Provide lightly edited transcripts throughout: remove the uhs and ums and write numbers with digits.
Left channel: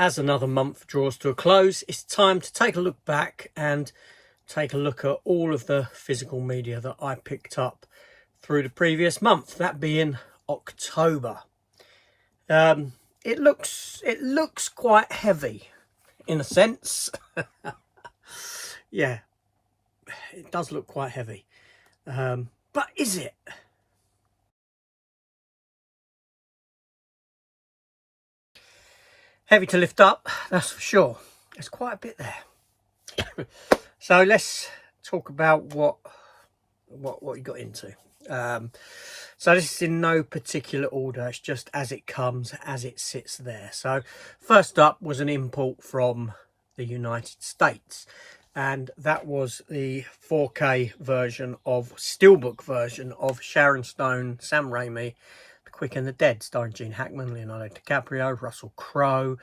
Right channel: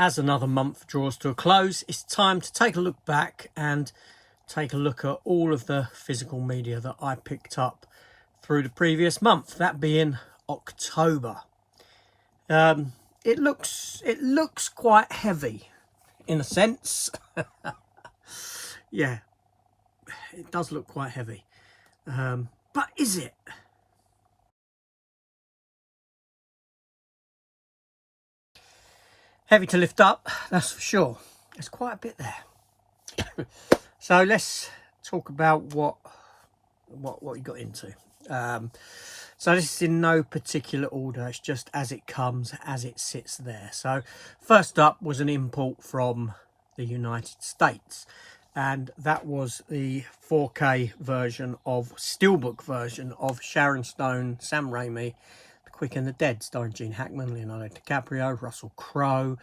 As another month draws to a close, it's time to take a look back and take a look at all of the physical media that I picked up through the previous month, that being October. It looks quite heavy in a sense. Yeah, it does look quite heavy. But is it? Heavy to lift up, that's for sure. There's quite a bit there. So let's talk about what you got into. So this is in no particular order, it's just as it comes, as it sits there. So first up was an import from the United States, and that was the 4K version of Steelbook version of Sharon Stone, Sam Raimi, The Quick and the Dead, starring Gene Hackman, Leonardo DiCaprio, Russell Crowe.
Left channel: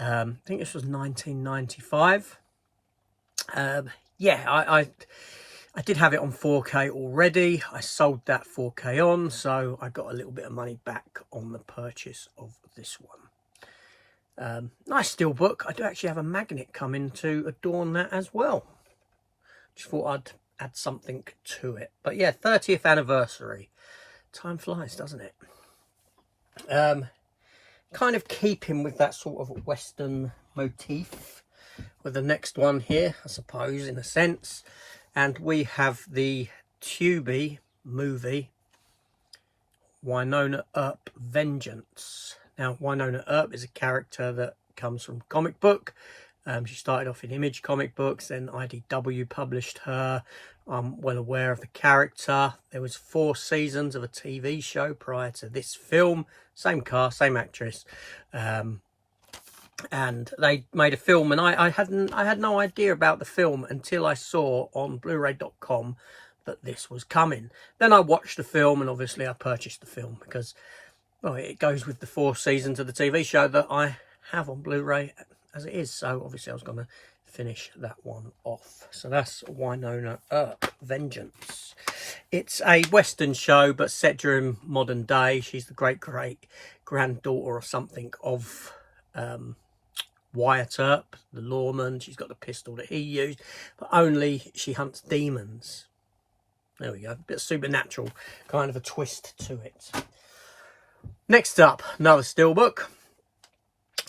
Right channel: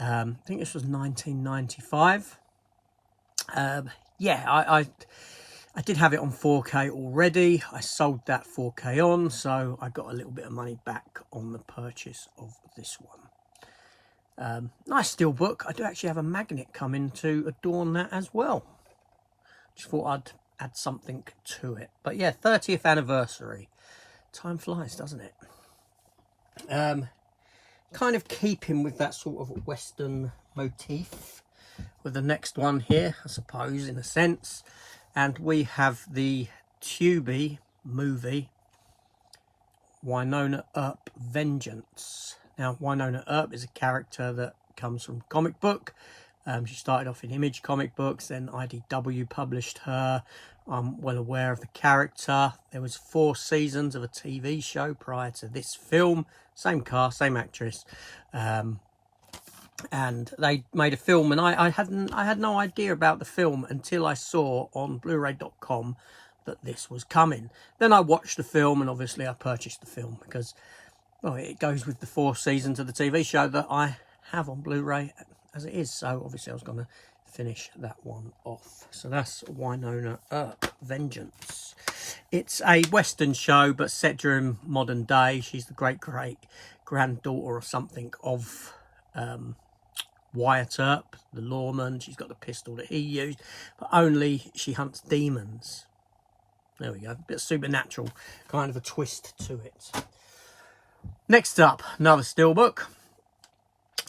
I think this was 1995. Yeah, I did have it on 4K already. I sold that 4K on, so I got a little bit of money back on the purchase of this one. Nice steelbook. I do actually have a magnet coming to adorn that as well. Just thought I'd add something to it. But yeah, 30th anniversary. Time flies, doesn't it? Kind of keeping with that sort of Western motif with the next one here, I suppose, in a sense. And we have the Tubi movie, Wynonna Earp Vengeance. Now, Wynonna Earp is a character that comes from comic book. She started off in Image comic books, then IDW published her. I'm well aware of the character. There was 4 seasons of a TV show prior to this film. Same cast, same actress. And they made a film, and I had no idea about the film until I saw on Blu-ray.com that this was coming. Then I watched the film, and obviously I purchased the film because, well, it goes with the 4 seasons of the TV show that I have on Blu-ray as it is. So obviously I was going to finish that one off. So that's Wynonna Earp Vengeance. It's a Western show, but set during modern day. She's the great-granddaughter or something of Wyatt Earp, the lawman. She's got the pistol that he used, but only she hunts demons. There we go, a bit supernatural, kind of a twist to it. Next up, another steelbook,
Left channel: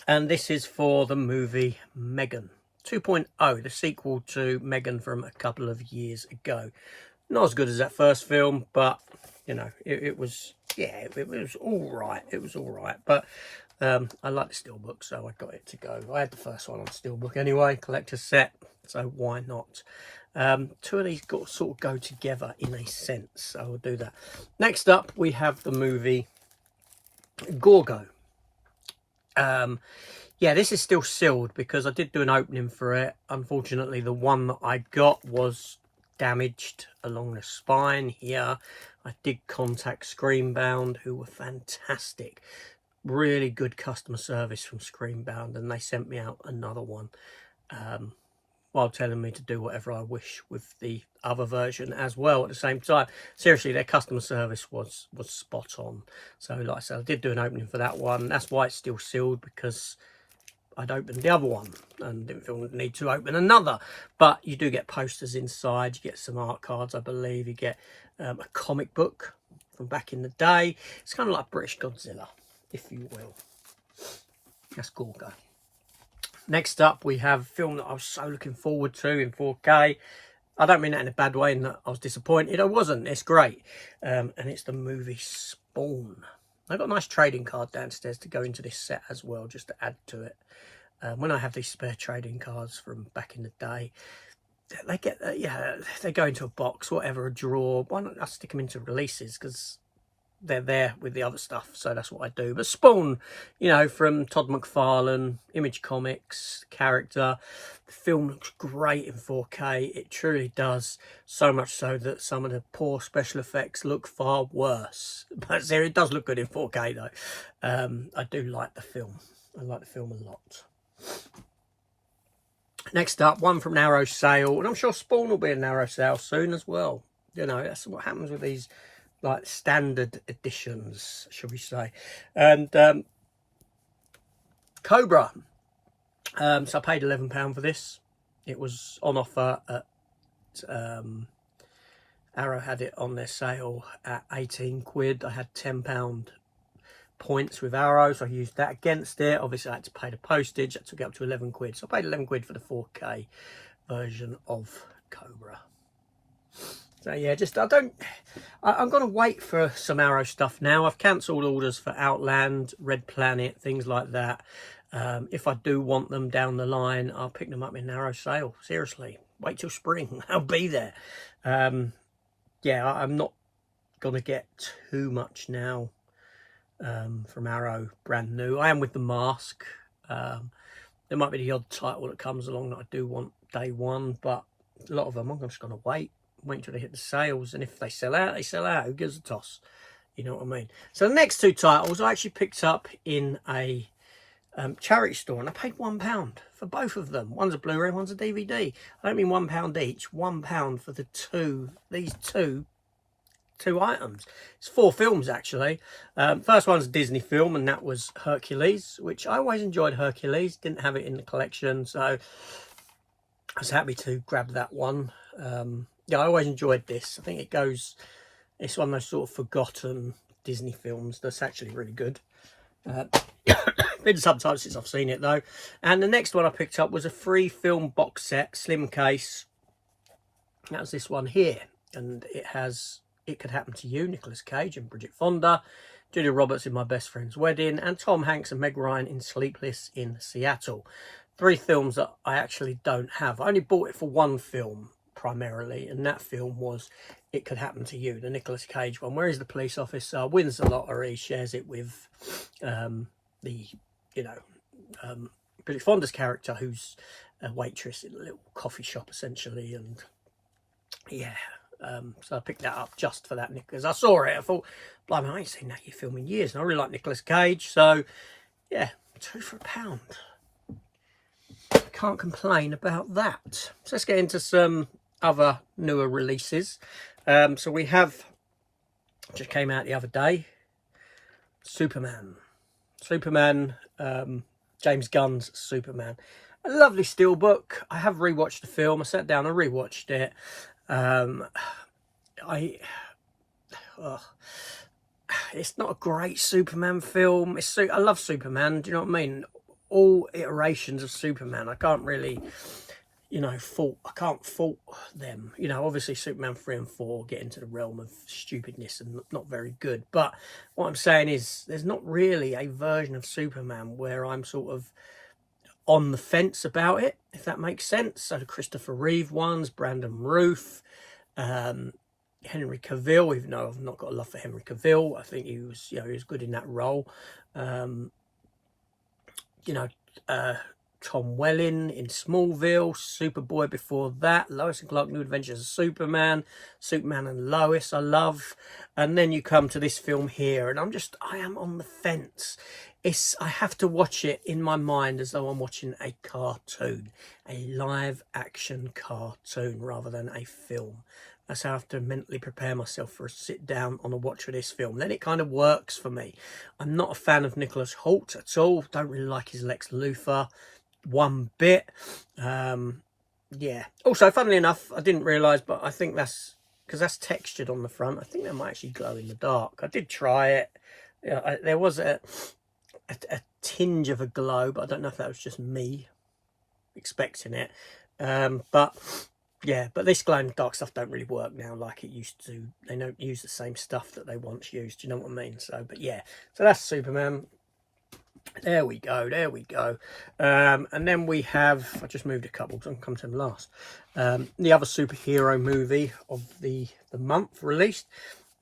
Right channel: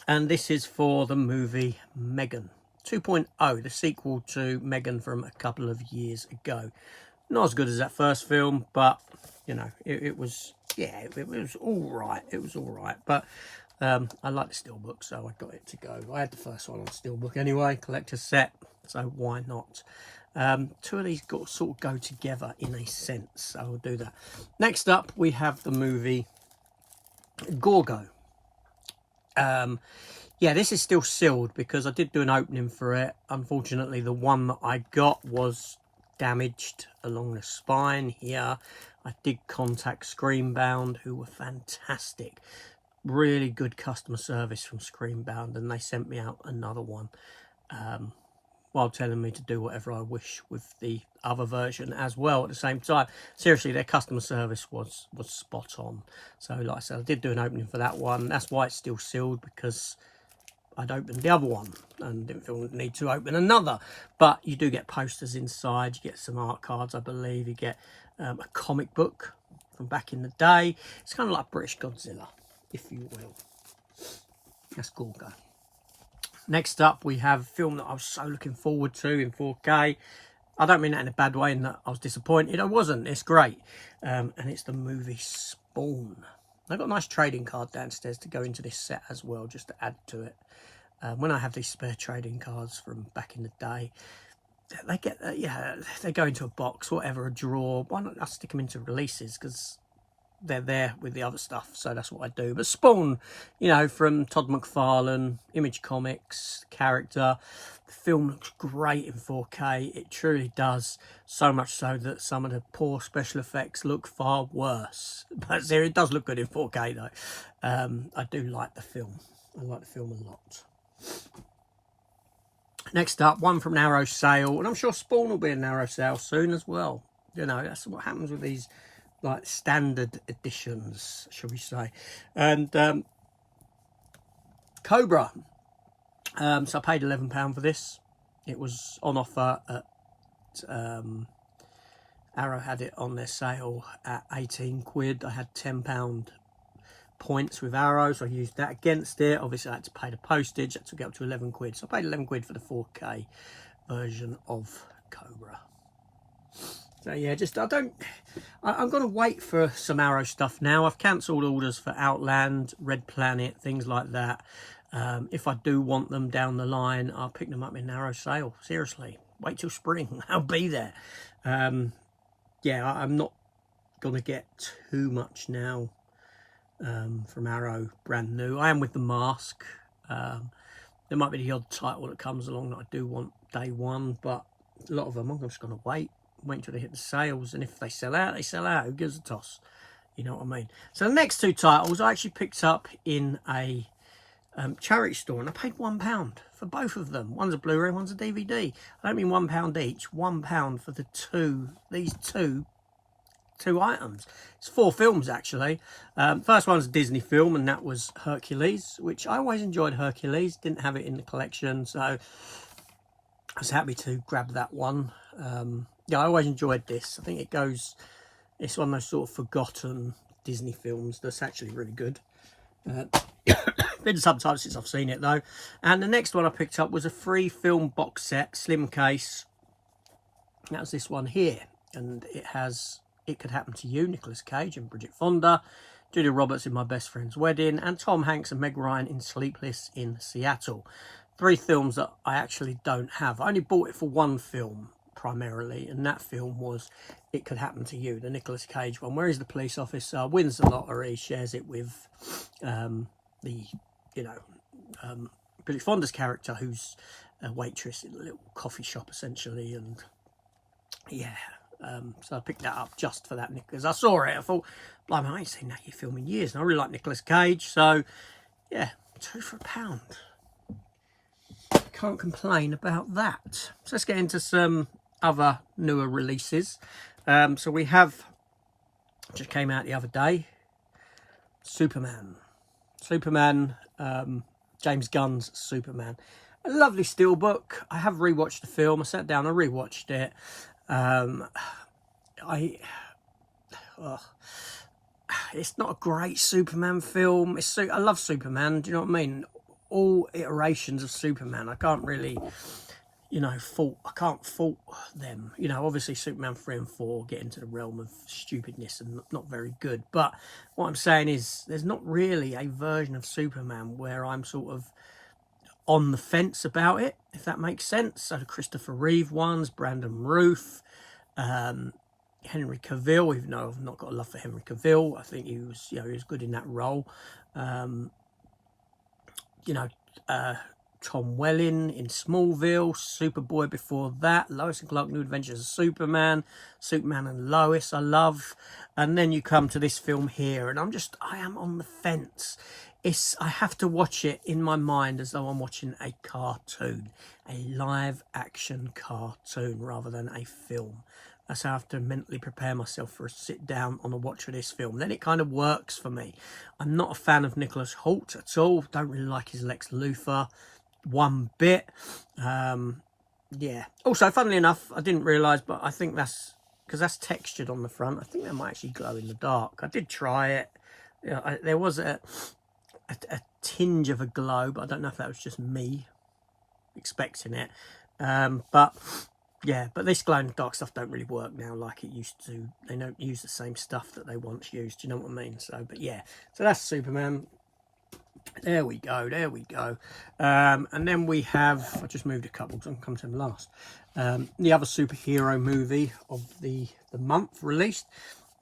and this is for the movie Megan 2.0, the sequel to Megan from a couple of years ago. Not as good as that first film, but you know, it was all right. It was all right, but I like the steelbook, so I got it to go. I had the first one on steelbook anyway, collector's set, so why not? 2 of these sort of go together in a sense, so I'll do that. Next up, we have the movie Gorgo. Yeah, this is still sealed because I did do an opening for it. Unfortunately, the one that I got was damaged along the spine here. I did contact Screenbound, who were fantastic. Really good customer service from Screenbound, and they sent me out another one while telling me to do whatever I wish with the other version as well at the same time. Seriously, their customer service was spot on. So like I said, I did do an opening for that one. That's why it's still sealed, because I'd opened the other one and didn't feel the need to open another. But you do get posters inside, you get some art cards, I believe, you get a comic book from back in the day. It's kind of like British Godzilla, if you will. That's Gorgo. Next up, we have a film that I was so looking forward to in 4K. I don't mean that in a bad way, in that I was disappointed. I wasn't. It's great. And it's the movie Spawn. I've got a nice trading card downstairs to go into this set as well, just to add to it. When I have these spare trading cards from back in the day, they get, they go into a box, whatever, a drawer. Why not I stick them into releases? Because they're there with the other stuff, so that's what I do. But Spawn, you know, from Todd McFarlane, Image Comics character. The film looks great in 4K. It truly does, so much so that some of the poor special effects look far worse. But it does look good in 4K though. I do like the film. I like the film a lot. Next up, one from Narrow Sale, and I'm sure Spawn will be a Narrow Sale soon as well. You know, that's what happens with these like standard editions, shall we say. And Cobra So I paid £11 for this. It was on offer at Arrow had it on their sale at 18 quid. I had £10 points with Arrow, so I used that against it. Obviously I had to pay the postage. That took it up to 11 quid. So I paid 11 quid for the 4K version of Cobra. So yeah, I'm going to wait for some Arrow stuff now. I've cancelled orders for Outland, Red Planet, things like that. If I do want them down the line, I'll pick them up in Arrow sale. Seriously, wait till spring. I'll be there. Yeah, I'm not going to get too much now from Arrow brand new. I am with The Mask. There might be the odd title that comes along that I do want day one, but a lot of them I'm just going to wait until they hit the sales, and if they sell out, they sell out. Who gives a toss? You know what I mean? So the next two titles I actually picked up in a charity store, and I paid £1 for both of them. One's a Blu-ray, one's a DVD. I don't mean £1 each. £1 for these two items. It's 4 films actually. First one's a Disney film, and that was Hercules, which I always enjoyed. Hercules, didn't have it in the collection, so I was happy to grab that one. Yeah, I always enjoyed this. I think it's one of those sort of forgotten Disney films that's actually really good. Been some time since I've seen it though. And the next one I picked up was a free film box set, slim case. That was this one here, and It Could Happen to You, Nicolas Cage and Bridget Fonda, Julia Roberts in My Best Friend's Wedding, and Tom Hanks and Meg Ryan in Sleepless in Seattle. 3 films that I actually don't have. I only bought it for one film primarily, and that film was It Could Happen to You, the Nicolas Cage one, where he's the police officer, wins the lottery, shares it with Bridget Fonda's character, who's a waitress in a little coffee shop essentially. And yeah, so I picked that up just for that, because I saw it. I thought, blimey, I ain't seen that film in years, and I really like Nicolas Cage. So yeah, 2 for £1. Can't complain about that. So let's get into some other newer releases. So we have, just came out the other day, Superman, James Gunn's Superman. A lovely steelbook. I have rewatched the film. I sat down and rewatched it. It's not a great Superman film. I love Superman. Do you know what I mean? All iterations of Superman, I can't really, fault them. Obviously Superman 3 and 4 get into the realm of stupidness and not very good. But what I'm saying is, there's not really a version of Superman where I'm sort of on the fence about it, if that makes sense. So the Christopher Reeve ones, Brandon Routh, Henry Cavill, even though I've not got a love for Henry Cavill, I think he was good in that role. Tom Welling in Smallville, Superboy before that, Lois and Clark New Adventures of Superman, Superman and Lois I love. And then you come to this film here, and I am on the fence. I have to watch it in my mind as though I'm watching a cartoon, a live action cartoon rather than a film. That's how I have to mentally prepare myself for a sit down on a watch of this film. Then it kind of works for me. I'm not a fan of Nicholas Hoult at all. Don't really like his Lex Luthor one bit. Yeah. Also, funnily enough, I didn't realise, but I think that's because that's textured on the front. I think that might actually glow in the dark. I did try it. There was a tinge of a glow, but I don't know if that was just me expecting it. But yeah, but this glow in the dark stuff don't really work now like it used to. They don't use the same stuff that they once used. You know what I mean? So, but yeah, so that's Superman. There we go. And then we have, I just moved a couple, so I'll come to them last. The other superhero movie of the month released,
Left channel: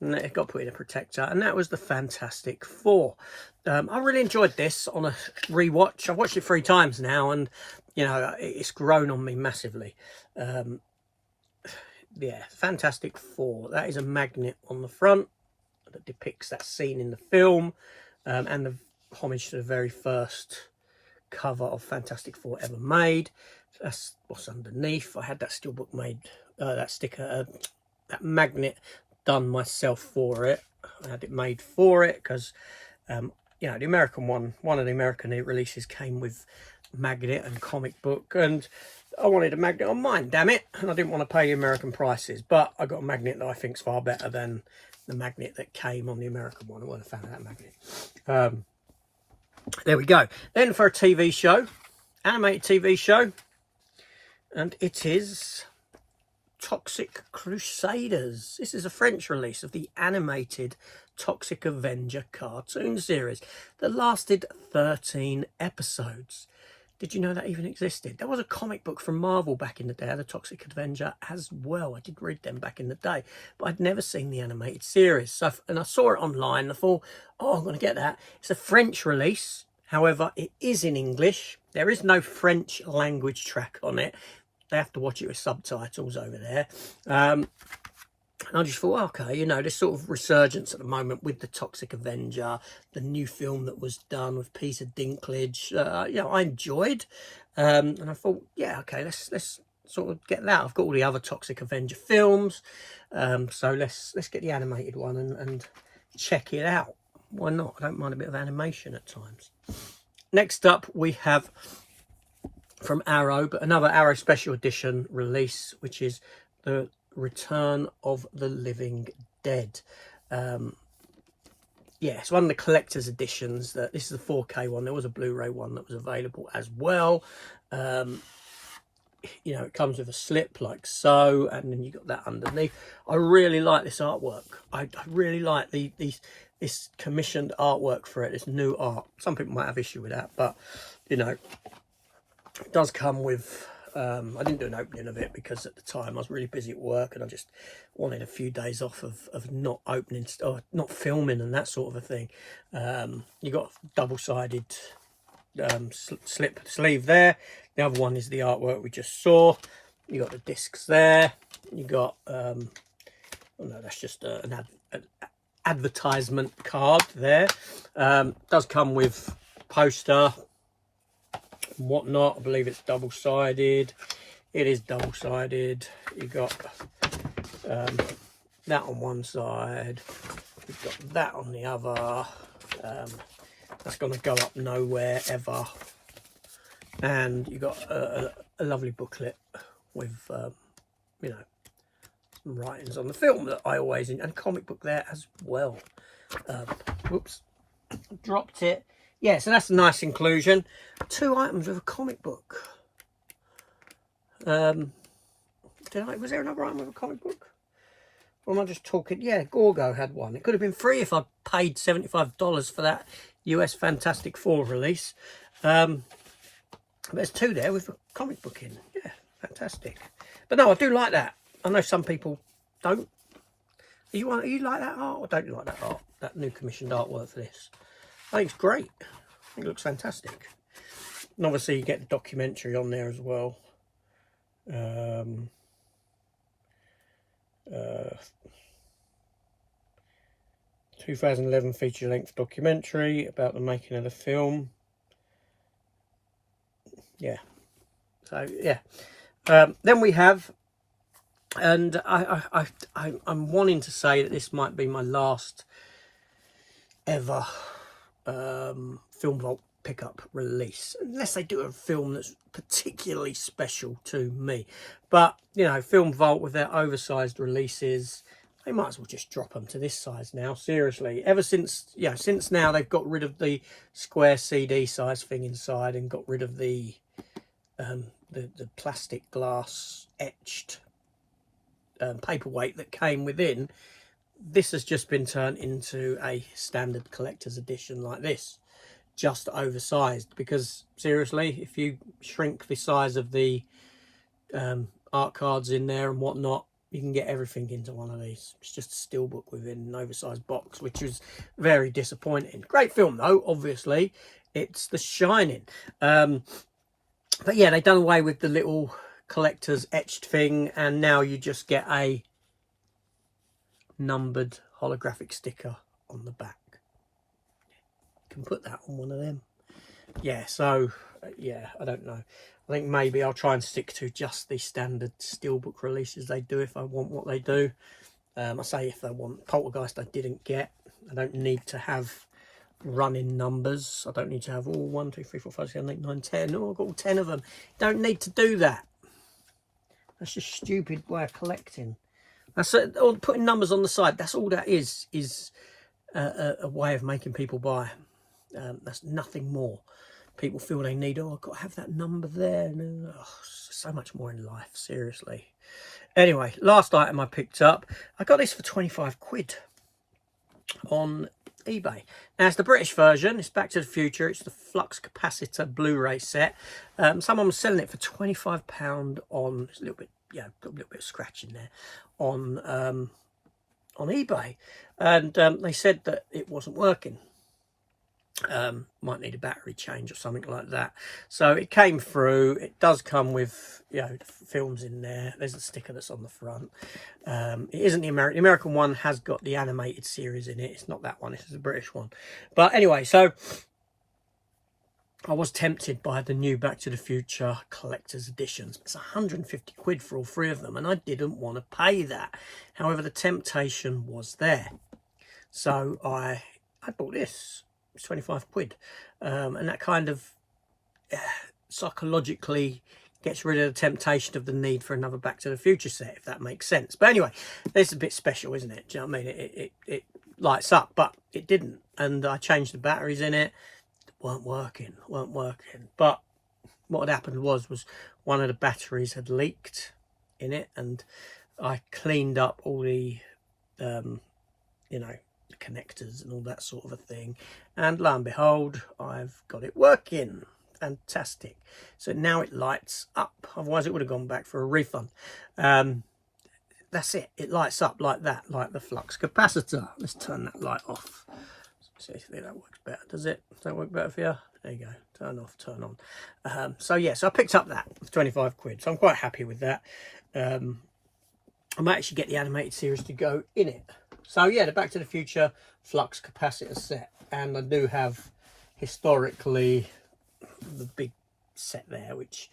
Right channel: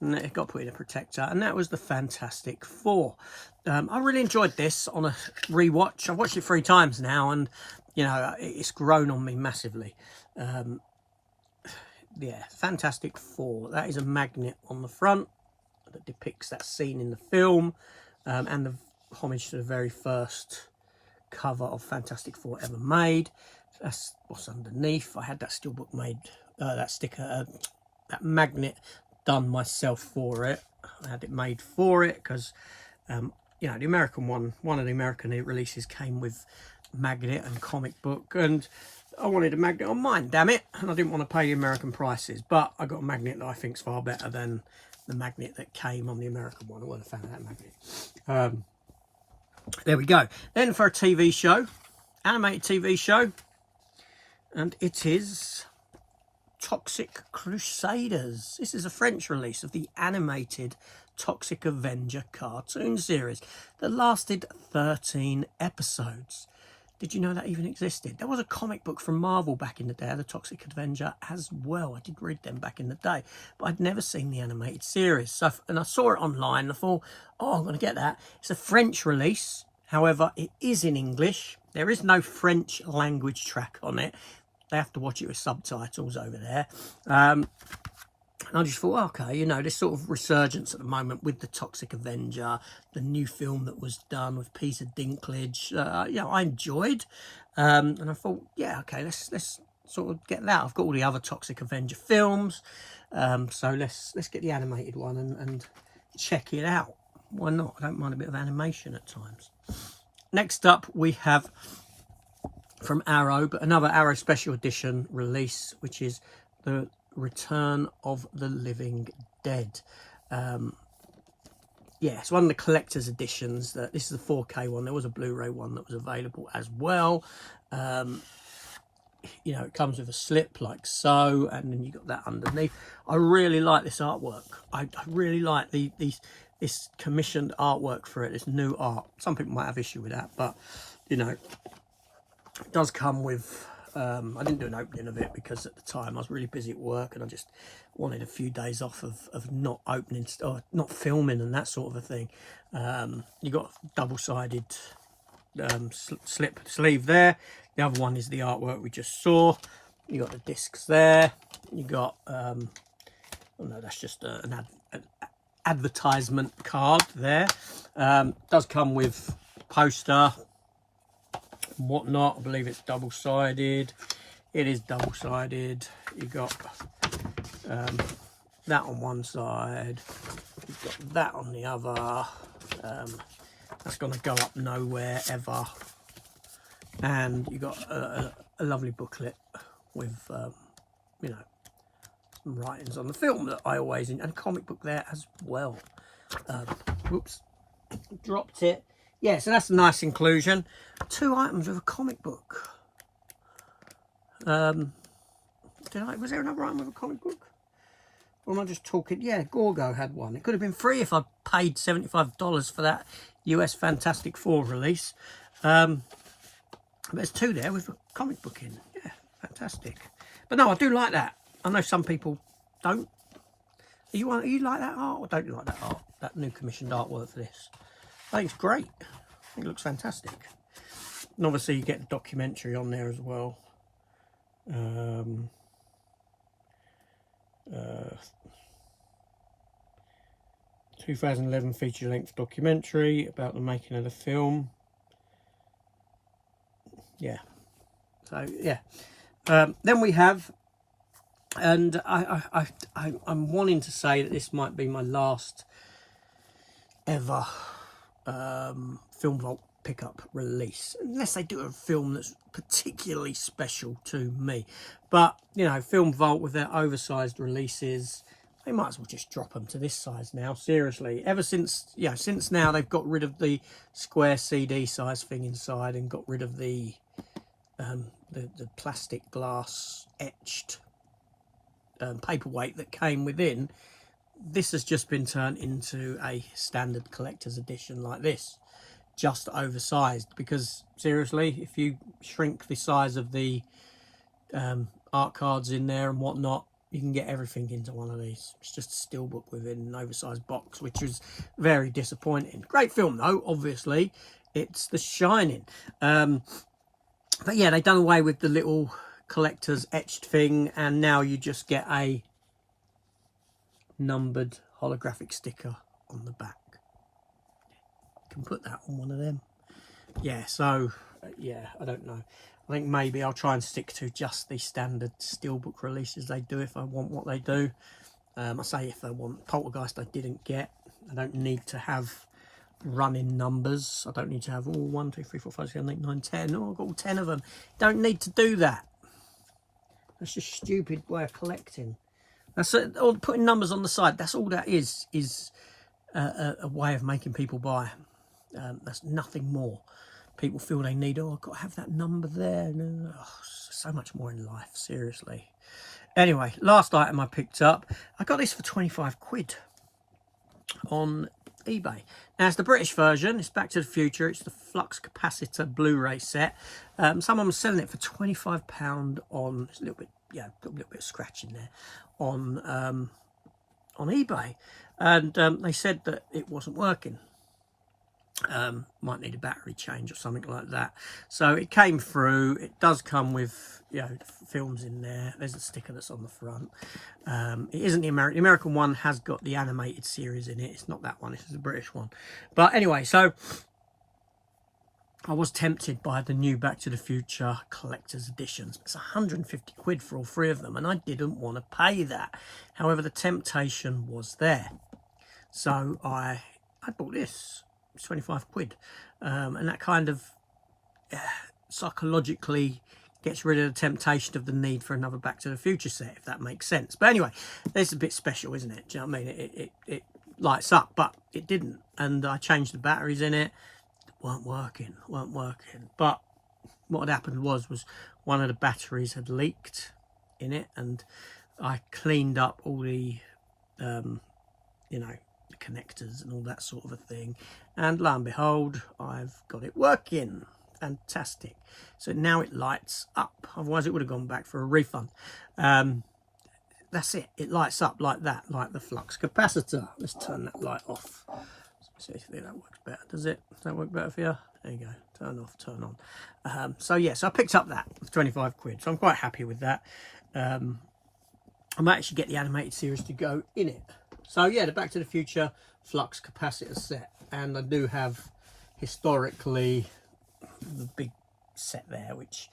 and it got put in a protector, and that was the Fantastic Four. I really enjoyed this on a rewatch. I've watched it 3 times now, and it's grown on me massively. Yeah, Fantastic Four. That is a magnet on the front that depicts that scene in the film, and the homage to the very first cover of Fantastic Four ever made. That's what's underneath. I had that steelbook made, that sticker, that magnet done myself for it. I had it made for it because, the American one of the American releases came with magnet and comic book, and I wanted a magnet on mine, damn it, and I didn't want to pay American prices, but I got a magnet that I think's far better than the magnet that came on the American one. I wasn't a fan of that magnet. There we go. Then for a TV show, animated TV show, and it is Toxic Crusaders. This is a French release of the animated Toxic Avenger cartoon series that lasted 13 episodes. Did you know that even existed? There was a comic book from Marvel back in the day, the Toxic Avenger, as well. I did read them back in the day, but I'd never seen the animated series. So, and I saw it online, and I thought, oh, I'm going to get that. It's a French release. However, it is in English. There is no French language track on it. They have to watch it with subtitles over there. And I just thought, okay, you know, this sort of resurgence at the moment with the Toxic Avenger, the new film that was done with Peter Dinklage, you know, I enjoyed. And I thought, yeah, okay, let's sort of get that. I've got all the other Toxic Avenger films, so let's get the animated one and check it out. Why not? I don't mind a bit of animation at times. Next up, we have from Arrow, but another Arrow Special Edition release, which is the Return of the Living Dead. Yeah, it's one of the collector's editions. This is the 4K one. There was a Blu-ray one that was available as well. You know, it comes with a slip like so, and then you got that underneath. I really like this artwork. I really like this commissioned artwork for it, this new art. Some people might have issue with that, but you know, it does come with I didn't do an opening of it because at the time I was really busy at work and I just wanted a few days off of not opening or not filming and that sort of a thing. You got double-sided sleeve there. The other one is the artwork we just saw. You got the discs there. You got oh no, that's just an advertisement card there. Does come with poster and whatnot. I believe it's double-sided. It is double-sided. You got that on one side. You've got that on the other. That's going to go up nowhere ever. And you got a lovely booklet with you know, some writings on the film that I always and a comic book there as well. Whoops, dropped it. Yeah, so that's a nice inclusion. 2 items with a comic book. Was there another item with a comic book? Or am I just talking? Yeah, Gorgo had one. It could have been free if I paid $75 for that US Fantastic Four release. But there's 2 there with a comic book in. Yeah, fantastic. But no, I do like that. I know some people don't. Are you like that art, or don't you like that art? That new commissioned artwork for this? I think it's great. I think it looks fantastic. And obviously you get the documentary on there as well. 2011 feature-length documentary about the making of the film. Yeah. So yeah. Then we have, and I'm wanting to say that this might be my last ever Film Vault pickup release, unless they do a film that's particularly special to me. But you know, Film Vault with their oversized releases, they might as well just drop them to this size now. Seriously, ever since since now they've got rid of the square CD size thing inside and got rid of the plastic glass etched paperweight that came within. This has just been turned into a standard collector's edition like this, just oversized, because seriously, if you shrink the size of the art cards in there and whatnot, you can get everything into one of these. It's just a steelbook within an oversized box, which was very disappointing. Great film though, obviously. It's The Shining. But yeah, they've done away with the little collector's etched thing, and now you just get a numbered holographic sticker on the back. You can put that on one of them. Yeah, so yeah, I don't know. I think maybe I'll try and stick to just the standard steelbook releases they do if I want what they do. I say if I want. Poltergeist I didn't get. I don't need to have running numbers. I don't need to have all 1, 2, 3, 4, 5, 6, 7, 8, 9, 10. Oh, I've got all 10 of them. Don't need to do that. That's just stupid way of collecting. That's putting numbers on the side. That's all that is a way of making people buy. That's nothing more. People feel they need, oh, I've got to have that number there. No, oh, so much more in life, seriously. Anyway, last item I picked up. I got this for 25 quid on eBay. Now, it's the British version. It's Back to the Future. It's the Flux Capacitor Blu-ray set. Someone was selling it for £25 on, it's a little bit, yeah, got a little bit of scratch in there, on eBay. And they said that it wasn't working. Might need a battery change or something like that. So it came through. It does come with, you know, films in there. There's a sticker that's on the front. It isn't the American. The American one has got the animated series in it. It's not that one. This is the British one. But anyway, so I was tempted by the new Back to the Future collector's editions. It's 150 quid for all three of them, and I didn't want to pay that. However, the temptation was there. So I bought this. It's 25 quid. And that kind of psychologically gets rid of the temptation of the need for another Back to the Future set, if that makes sense. But anyway, this is a bit special, isn't it? Do you know what I mean? It lights up, but it didn't. And I changed the batteries in it. Weren't working. But what had happened was one of the batteries had leaked in it, and I cleaned up all the, you know, the connectors and all that sort of a thing, and lo and behold, I've got it working. Fantastic. So now it lights up. Otherwise it would have gone back for a refund. That's it. It lights up like that, like the flux capacitor. Let's turn that light off. See if that works better. Does it? Does that work better for you? There you go. Turn off, turn on. So yes, I picked up that for 25 quid. So I'm quite happy with that. I might actually get the animated series to go in it. So yeah, the Back to the Future flux capacitor set. And I do have historically the big set there, which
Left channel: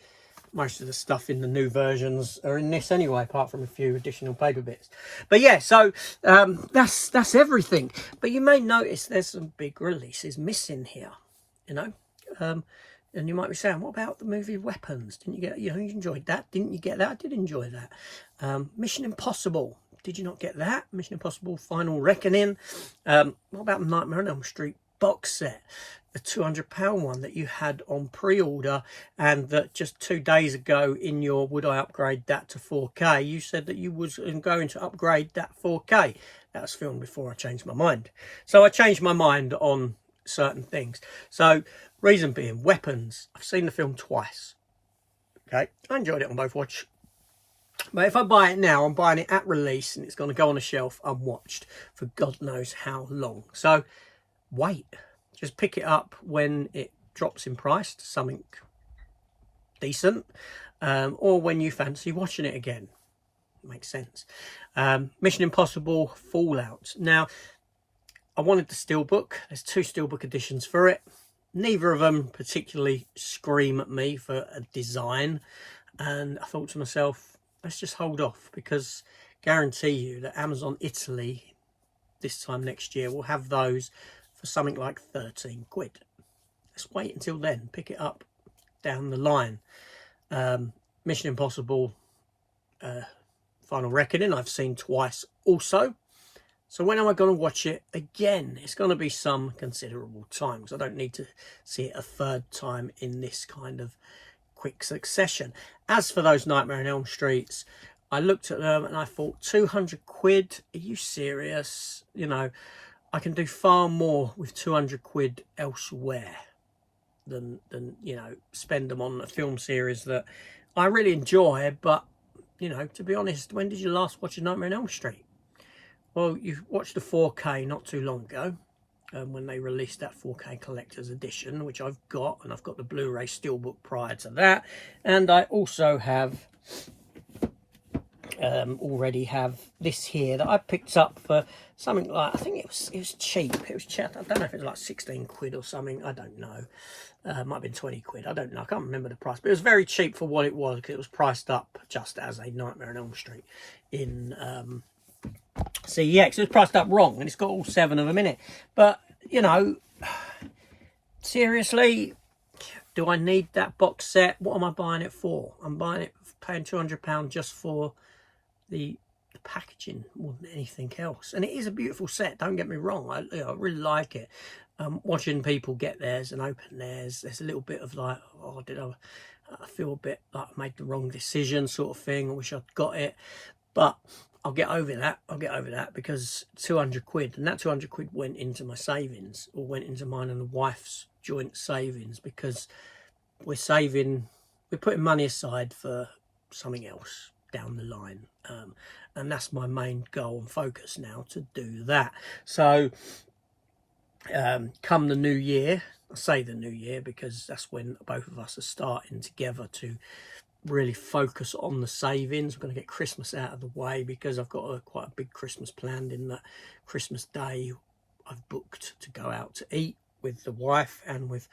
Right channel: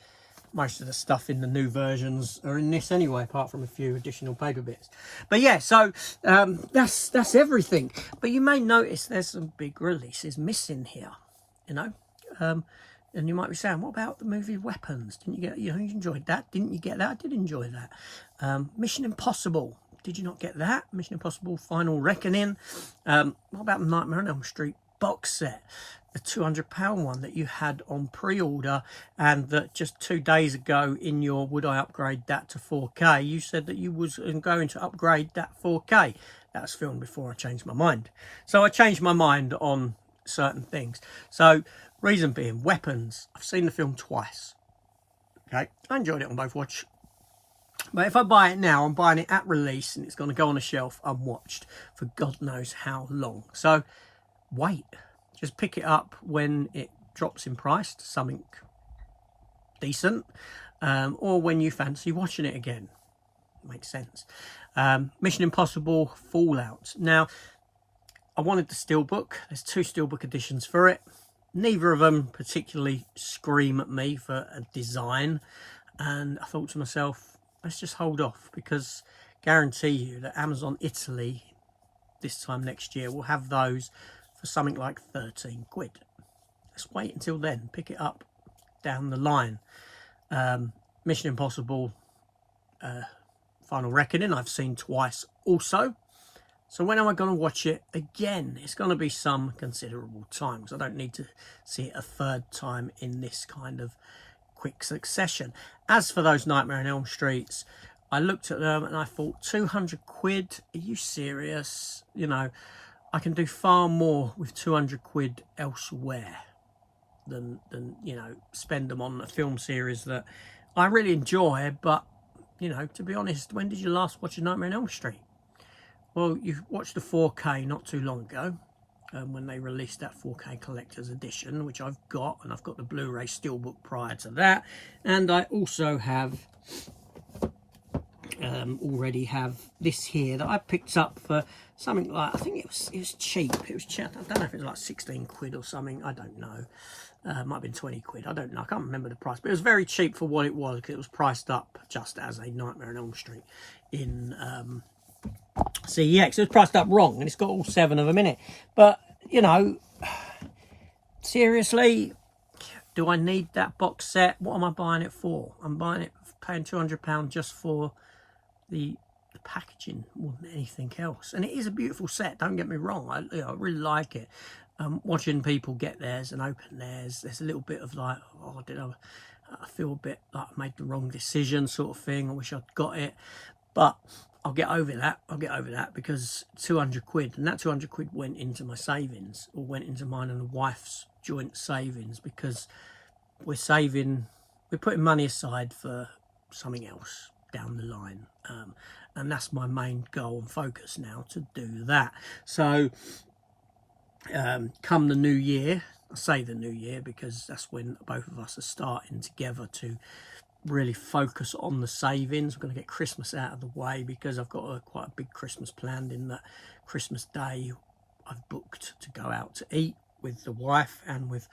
most of the stuff in the new versions are in this anyway, apart from a few additional paper bits. But yeah, so that's everything. But you may notice there's some big releases missing here, you know. And you might be saying, what about the movie Weapons? Didn't you get, you know, you enjoyed that? Didn't you get that? I did enjoy that. Mission Impossible. Did you not get that? Mission Impossible Final Reckoning. What about the Nightmare on Elm Street box set? The £200 one that you had on pre-order, and that just 2 days ago in your would I upgrade that to 4K, you said that you was going to upgrade that 4K. That was filmed before I changed my mind. So I changed my mind on certain things. So reason being, Weapons. I've seen the film twice. Okay, I enjoyed it on both watch. But if I buy it now, I'm buying it at release, and it's going to go on a shelf unwatched for God knows how long. So wait. Just pick it up when it drops in price to something decent, or when you fancy watching it again. Makes sense. Mission Impossible Fallout. Now, I wanted the Steelbook. There's 2 Steelbook editions for it. Neither of them particularly scream at me for a design. And I thought to myself, let's just hold off, because I guarantee you that Amazon Italy this time next year will have those for something like 13 quid. Let's wait until then. Pick it up down the line. Mission Impossible Final Reckoning I've seen twice also. So when am I going to watch it again? It's going to be some considerable time, because I don't need to see it a third time in this kind of quick succession. As for those Nightmare on Elm Streets, I looked at them and I thought, 200 quid? Are you serious? You know, I can do far more with 200 quid elsewhere than you know, spend them on a film series that I really enjoy. But, you know, to be honest, when did you last watch a Nightmare on Elm Street? Well, you watched the 4K not too long ago, when they released that 4K collector's edition, which I've got, and I've got the Blu-ray Steelbook prior to that, and I also have already have this here that I picked up for something like, I think it was cheap. It was cheap. I don't know if it was like 16 quid or something. I don't know. Might have been 20 quid. I don't know. I can't remember the price, but it was very cheap for what it was, because it was priced up just as a Nightmare on Elm Street in CEX. It was priced up wrong, and it's got all 7 of them in it. But, you know, seriously, do I need that box set? What am I buying it for? I'm buying it, paying £200 just for the packaging more than anything else. And it is a beautiful set, don't get me wrong. I really like it. Watching people get theirs and open theirs, there's a little bit of like, oh, I feel a bit like I made the wrong decision sort of thing. I wish I'd got it. But I'll get over that. I'll get over that, because 200 quid, and that 200 quid went into my savings, or went into mine and the wife's joint savings, because we're putting money aside for something else down the line. And that's my main goal and focus now, to do that. So come the new year, I say the new year because that's when both of us are starting together to really focus on the savings. We're going to get Christmas out of the way, because I've got quite a big Christmas planned. In that Christmas Day, I've booked to go out to eat with the wife and with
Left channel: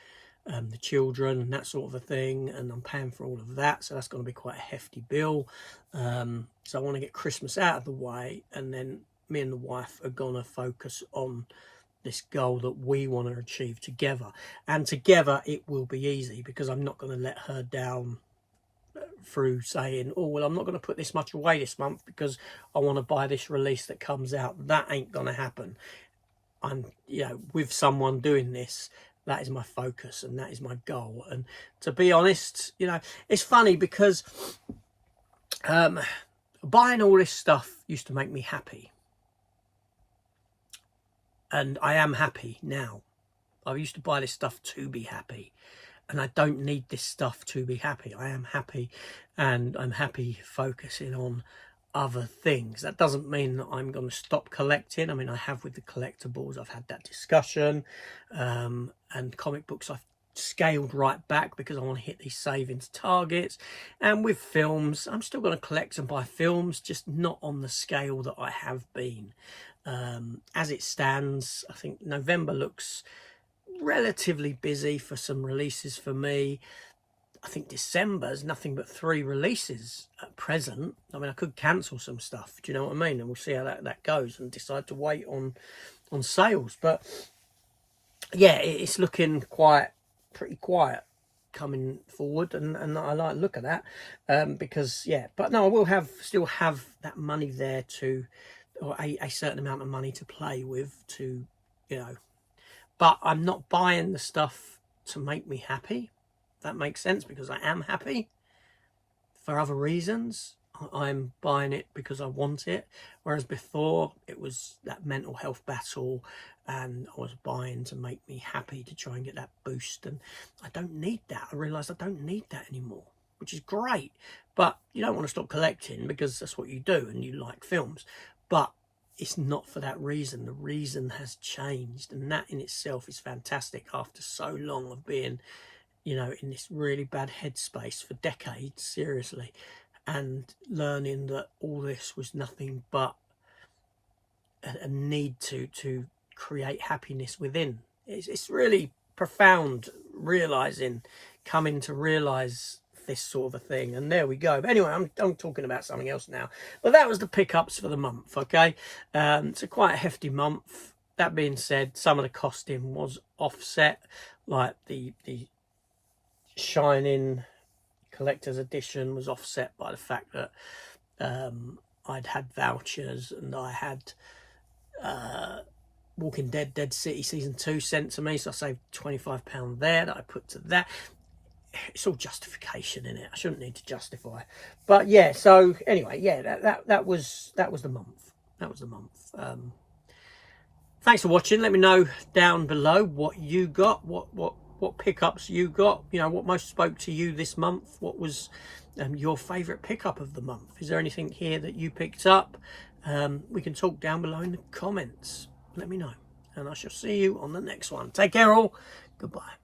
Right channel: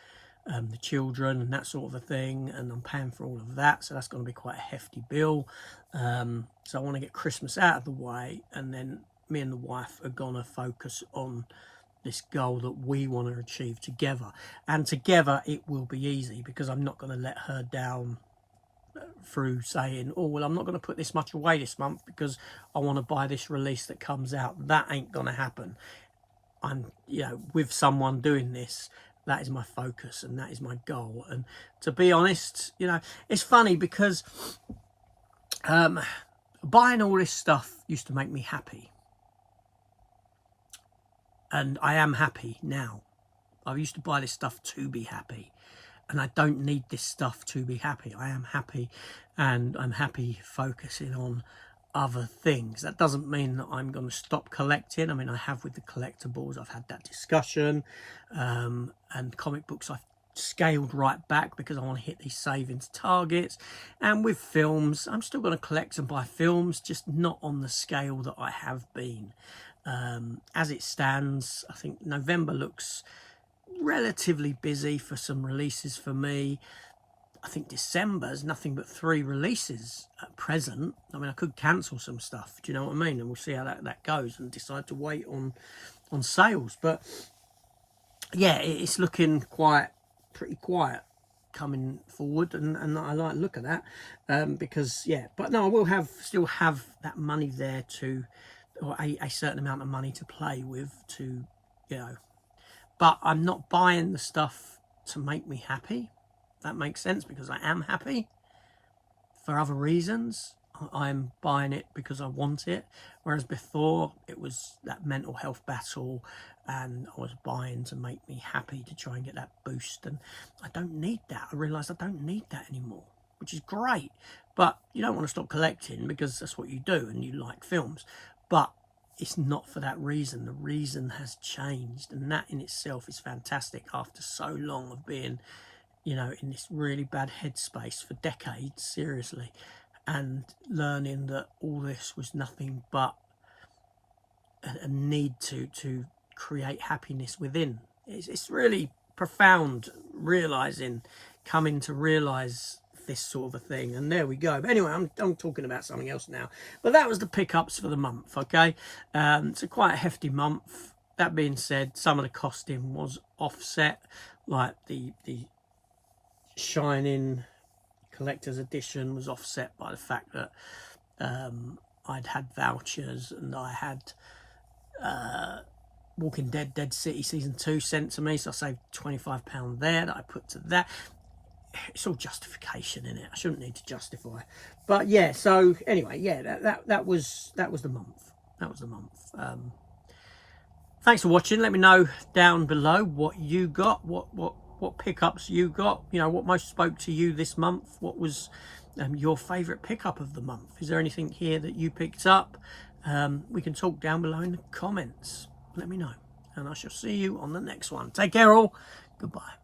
the children and that sort of a thing, and I'm paying for all of that, so that's going to be quite a hefty bill. So I want to get Christmas out of the way, and then me and the wife are going to focus on this goal that we want to achieve together. And together it will be easy, because I'm not going to let her down through saying, oh well, I'm not going to put this much away this month because I want to buy this release that comes out. That ain't going to happen. I'm, with someone doing this, that is my focus and that is my goal. And to be honest, it's funny because buying all this stuff used to make me happy, and I am happy now. I used to buy this stuff to be happy, and I don't need this stuff to be happy. I am happy, and I'm happy focusing on other things. That doesn't mean that I'm going to stop collecting. I mean, I have with the collectibles, I've had that discussion, and comic books I've scaled right back because I want to hit these savings targets. And with films, I'm still going to collect and buy films, just not on the scale that I have been. As it stands, I think November looks relatively busy for some releases for me. I think December's nothing but 3 releases at present. I mean, I could cancel some stuff, do you know what I mean? And we'll see how that goes, and decide to wait on sales. But yeah, it's looking pretty quiet coming forward, and I like to look at that, because yeah. But no, I will still have that money there to, or a certain amount of money to play with, to, but I'm not buying the stuff to make me happy. That makes sense, because I am happy for other reasons. I'm buying it because I want it, whereas before it was that mental health battle, and I was buying to make me happy, to try and get that boost, and I don't need that. I realised I don't need that anymore, which is great. But you don't want to stop collecting, because that's what you do and you like films, but it's not for that reason. The reason has changed, and that in itself is fantastic after so long of being, in this really bad headspace for decades, seriously, and learning that all this was nothing but a need to create happiness within. It's really profound, coming to realise this sort of a thing. And there we go. But anyway, I'm talking about something else now. But that was the pickups for the month, okay? It's quite a hefty month. That being said, some of the costing was offset, like the Shining collector's edition was offset by the fact that I'd had vouchers, and I had Walking Dead Dead City Season 2 sent to me, so I saved £25 there that I put to that. It's all justification in it. I shouldn't need to justify, but yeah. So anyway, yeah, that was the month. That was the month. Thanks for watching. Let me know down below what you got, what pickups you got, what most spoke to you this month. What was your favorite pickup of the month? Is there anything here that you picked up? We can talk down below in the comments. Let me know, and I shall see you on the next one. Take care all. Goodbye.